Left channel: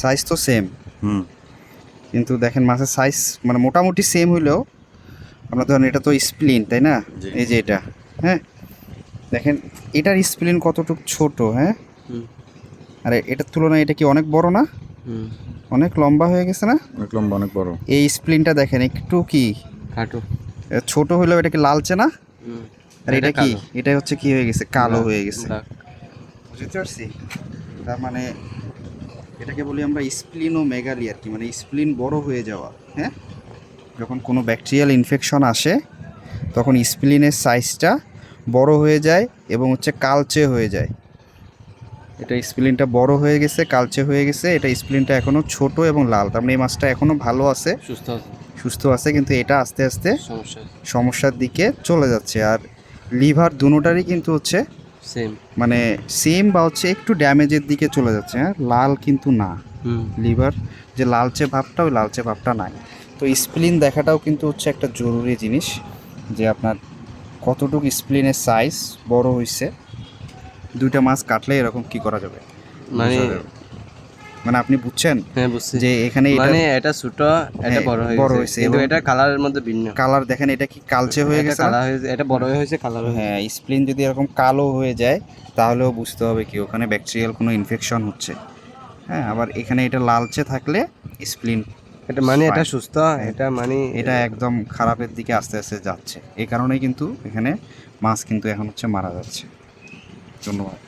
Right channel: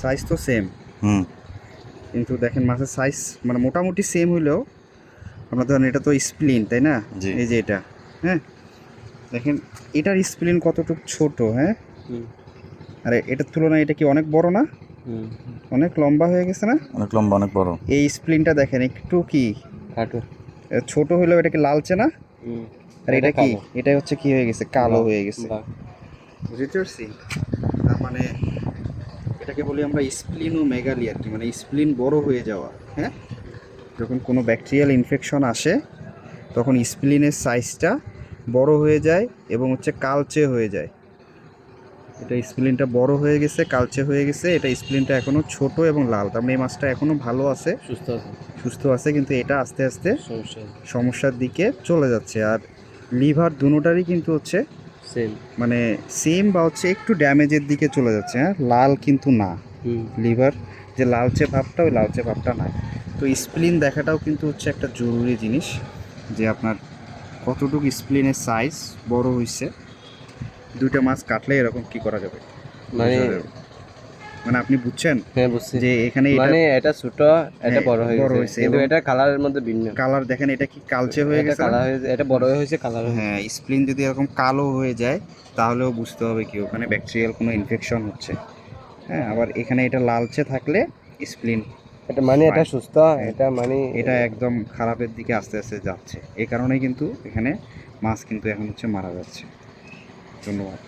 Size তো same, হুম কিন্তু দেখেন মাছের সাইজ মানে মোটামুটি সেম হইলেও আপনার ধরেন এটা তো স্প্লিন, তাই না? জি। এই যে এটা, হ্যাঁ দেখেন এটার স্প্লিন কতটুকু ছোট, হ্যাঁ, আর এটার তুলনায় এটা কি অনেক বড় না? অনেক লম্বা হয়ে গেছে না? অনেক লম্বা, অনেক বড়। এই স্প্লিনটা দেখেন একটু কি কাটো। ছোট হইলেও এটা কি লালচে না? আর এটা কি, এটা হচ্ছে কি হয়ে গেছে, কালো হয়ে গেছে। বুঝতে পারছি? তার মানে এটাকে বলি আমরা স্প্লিনোমেগালি আর কি, মানে স্প্লিন বড় হয়ে যাওয়া। হ্যাঁ, যখন কোনো ব্যাকটেরিয়াল ইনফেকশন আসে তখন স্প্লিনের সাইজটা বড় হয়ে যায় এবং হচ্ছে কালচে হয়ে যায়। এটা স্প্লিনটা বড় হয়ে গেছে, কালচে হয়ে গেছে, এটা স্প্লিনটা এখনও ছোট এবং লাল। তার মানে এই মাছটা এখনও ভালো আছে, সুস্থ আছে, কিন্তু এটা আস্তে আস্তে সমস্যার দিকে চলে যাচ্ছে। আর লিভার দুটোটারই কিন্তু হচ্ছে সেম, মানে সেম বা হচ্ছে একটু ড্যামেজের দিকে চলে যাচ্ছে। হ্যাঁ, লাল কিন্তু না, লিভার যে লালচে ভাবটা, ওই লালচে ভাবটা নাই। তো স্প্লিন দেখাটাও কিন্তু হচ্ছে একটা জরুরি জিনিস, যে আপনার কতটুকু স্প্লিনের সাইজ বড় হয়েছে। দুইটা মাছ কাটলে এরকম কি করা যাবে, মানে মানে আপনি বুঝছেন হ্যাঁ বুঝছি, যে এখানে এটা মানে এটা ছোট, এটা বড় হয়ে বড় গেছে, হয়েছে কিন্তু এবং এটা কালারের মধ্যে ভিন্ন। কালার দেখেন, এটা কি কালচে হয়ে এটা গেছে না? কালার হয়েছে, এটা বড় হয়েছে, কালার হয়েছে। হ্যাঁ, স্প্লিন যদি এরকম কালো হয়ে যায় তাহলেও বুঝতে হবে কি ওখানে ব্যাকটেরিয়াল কোনো ইনফেকশন হচ্ছে। হ্যাঁ, আবার এখানে এটা লালচে থাকলে স্প্লিন, এটা মানে এটা সুস্থ, এটা মানে এটা একদম খারাপের দিকে আস্তে আস্তে যাচ্ছে। এই কারণেই কিন্তু এখানে মাছ কিন্তু এখন হচ্ছে মারা যাচ্ছে। ধন্যবাদ।